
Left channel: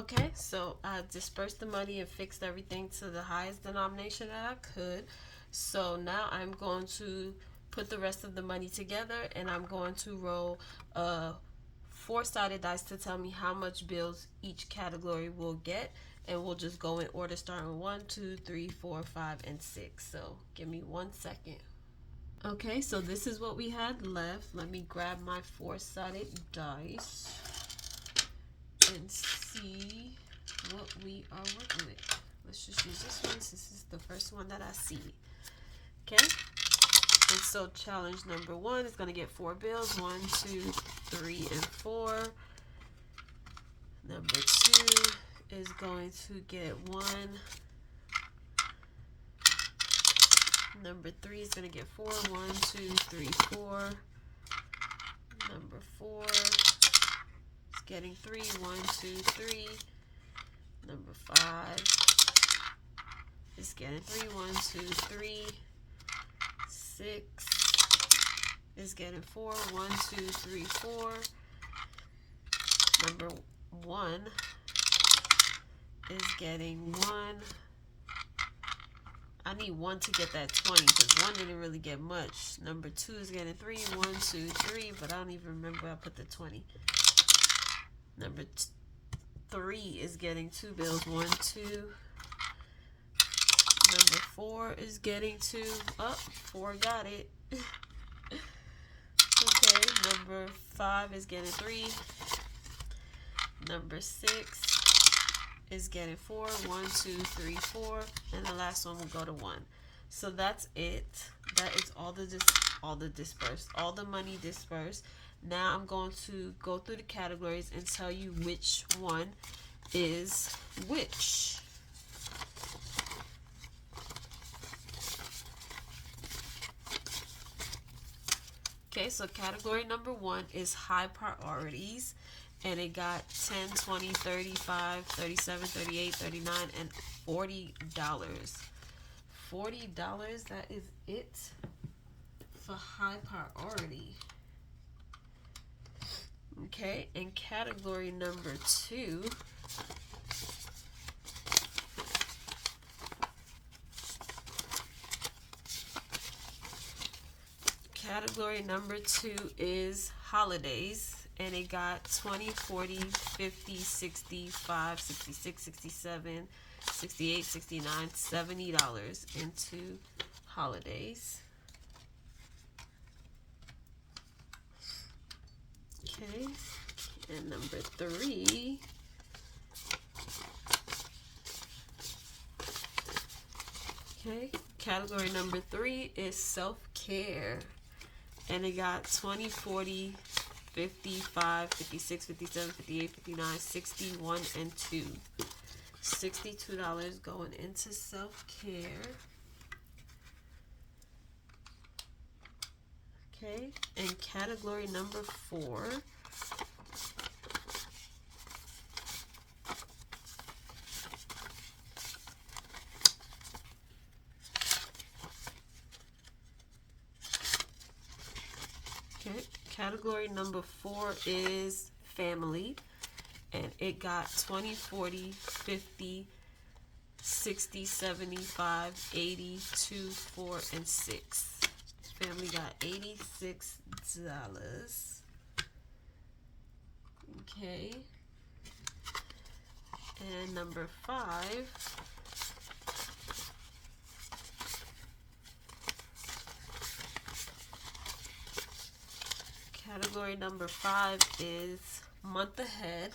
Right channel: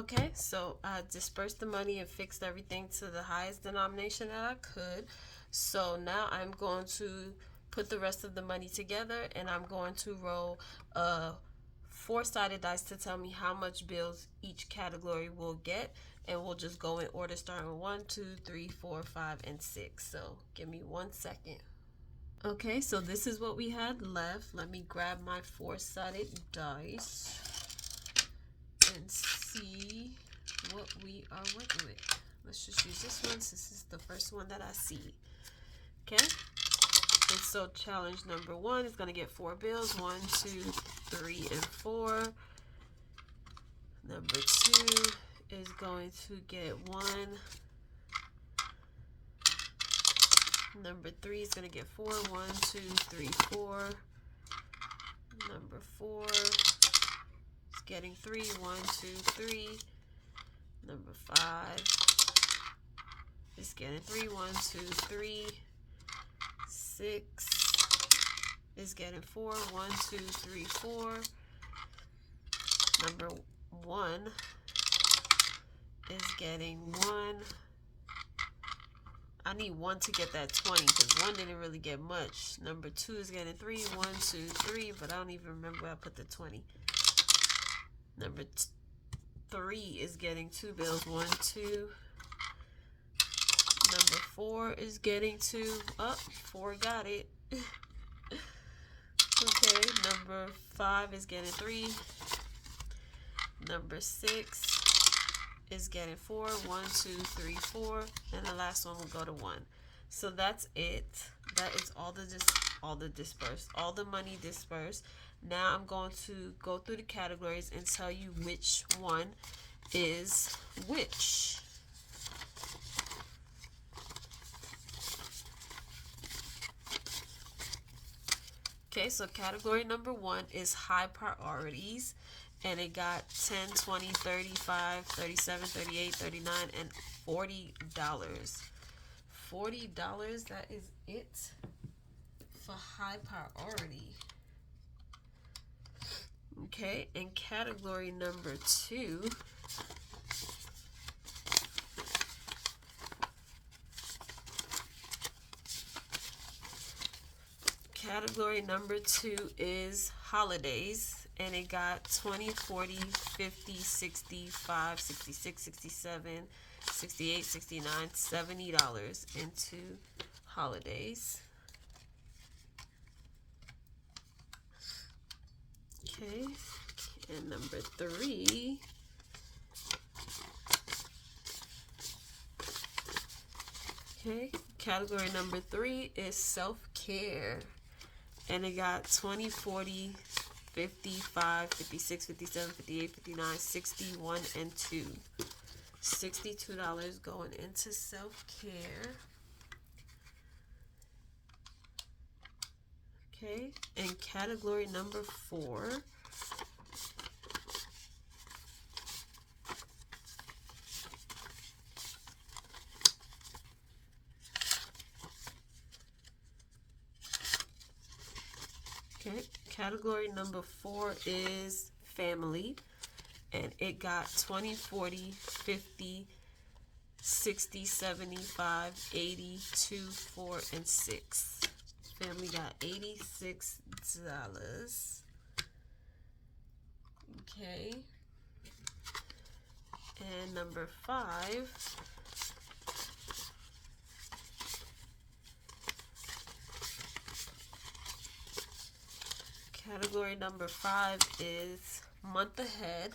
Okay, so I dispersed the money and fixed everything to the highest denomination that I could. So now I'm going to put the rest of the money together, and I'm going to roll a four-sided dice to tell me how much bills each category will get, and we'll just go in order starting 1, 2, 3, 4, 5, and 6. So give me 1 second. Okay, so this is what we had left. Let me grab my four-sided dice and see what we are working with. Let's just use this one since this is the first one that I see. Okay, and so challenge number 1 is going to get 4 bills. 1, 2, 3, and 4. Number 2 is going to get 1. Number 3 is going to get 4. 1, 2, 3, 4. Number 4 is getting 3. 1, 2, 3. Number 5 is getting 3. 1, 2, 3. 6 is getting 4. 1, 2, 3, 4. Number 1 is getting 1. I need 1 to get that 20 because 1 didn't really get much. Number 2 is getting 3. 1, 2, 3, but I don't even remember where I put the 20. Number 3 is getting 2 bills. 1, 2. Number 4 is getting 2. Oh, 4 got it. Okay, number 5 is getting 3. Number 6 is getting 4. 1, 2, 3, 4, and the last one will go to 1. So that's it. That is all the dispersed, all the money dispersed. Now I'm going to go through the categories and tell you which one is which. Okay, so category number 1 is high priorities, and it got 10, 20, 35, 37, 38, 39, and $40. $40, that is it for high priority. Okay, and category number 2 is holidays, and it got 20, 40, 50, 65, 66, 67, 68, 69, $70 into holidays. Okay, and number 3 okay, category number 3 is self-care, and it got 20, 40, 55, 56, 57, 58, 59, 61, and 2. $62 going into self-care. Okay, and category number 4 okay, category number 4 is family, and it got 20, 40, 50, 60, 75, 80, 2, 4, and 6. Family got $86. Okay. And number 5 category number 5 is month ahead,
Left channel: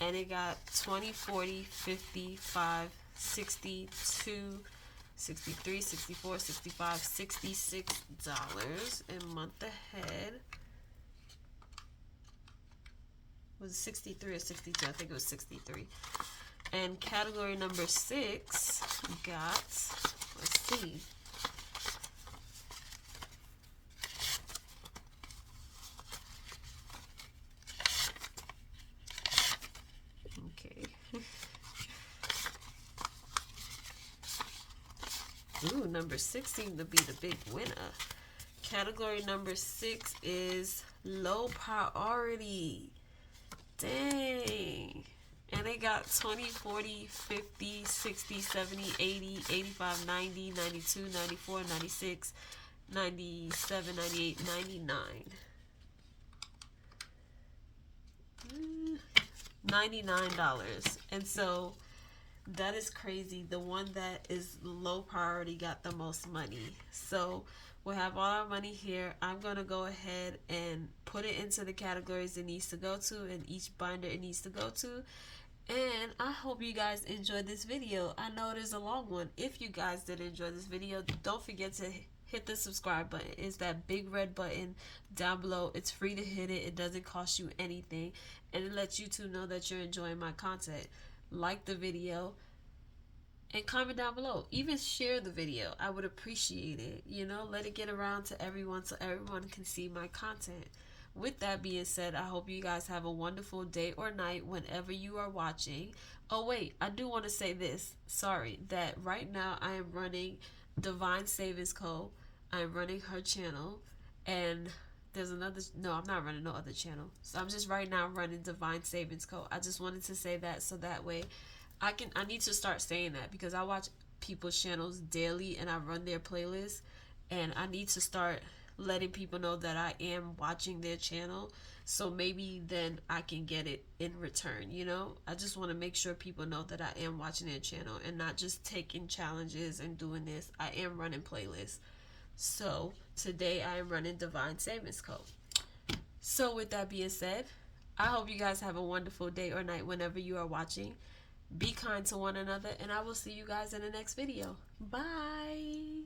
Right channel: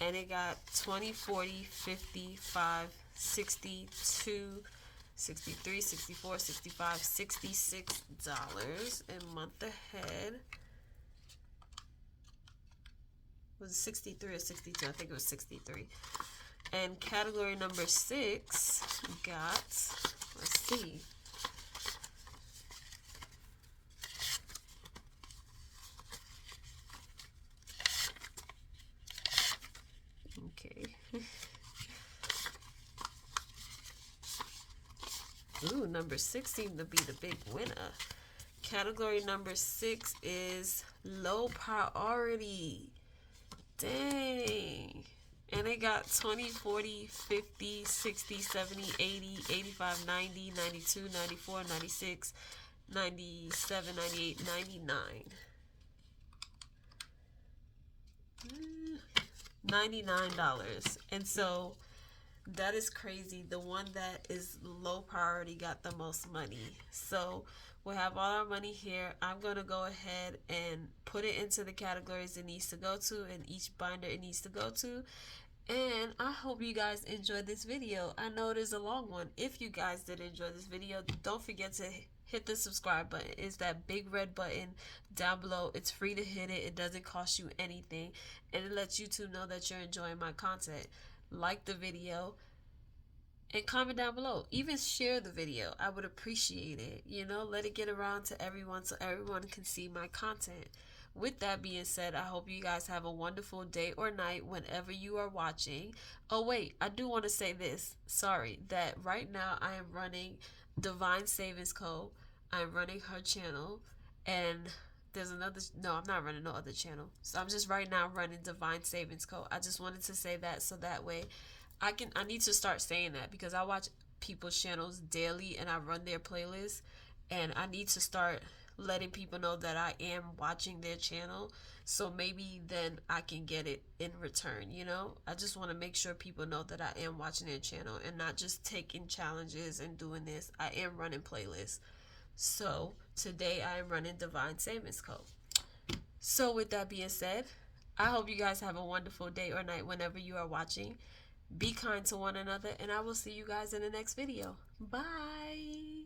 and it got 20, 40, 55, 62, 63, 64, 65, $66. And month ahead was 63 or 62. I think it was 63. And category number 6 got, let's see, okay. Ooh, number 6 seemed to be the big winner. Category number 6 is low priority. Dang. And it got 20, 40, 50, 60, 70, 80, 85, 90, 92, 94, 96, 97, 98, 99. $99. And so that is crazy. The one that is low priority got the most money. So we'll have all our money here. I'm going to go ahead and put it into the categories it needs to go to and each binder it needs to go to. And I hope you guys enjoyed this video. I know it is a long one. If you guys did enjoy this video, don't forget to hit the subscribe button. It's that big red button down below. It's free to hit it. It doesn't cost you anything. And it lets YouTube know that you're enjoying my content. Like the video and comment down below. Even share the video. I would appreciate it. You know, let it get around to everyone so everyone can see my content. With that being said, I hope you guys have a wonderful day or night whenever you are watching. Oh wait, I do want to say this. Sorry, that right now I am running Divine Savings Co. I'm running her channel, and there's another. No, I'm not running no other channel. So I'm just right now running Divine Savings Co. I just wanted to say that so that way I need to start saying that because I watch people's channels daily and I run their playlists, and I need to start letting people know that I am watching their channel, so maybe then I can get it in return. You know, I just want to make sure people know that I am watching their channel and not just taking challenges and doing this. I am running playlists. So today I am running Divine Savings Co. So with that being said, I hope you guys have a wonderful day or night whenever you are watching. Be kind to one another, and I will see you guys in the next video. Bye.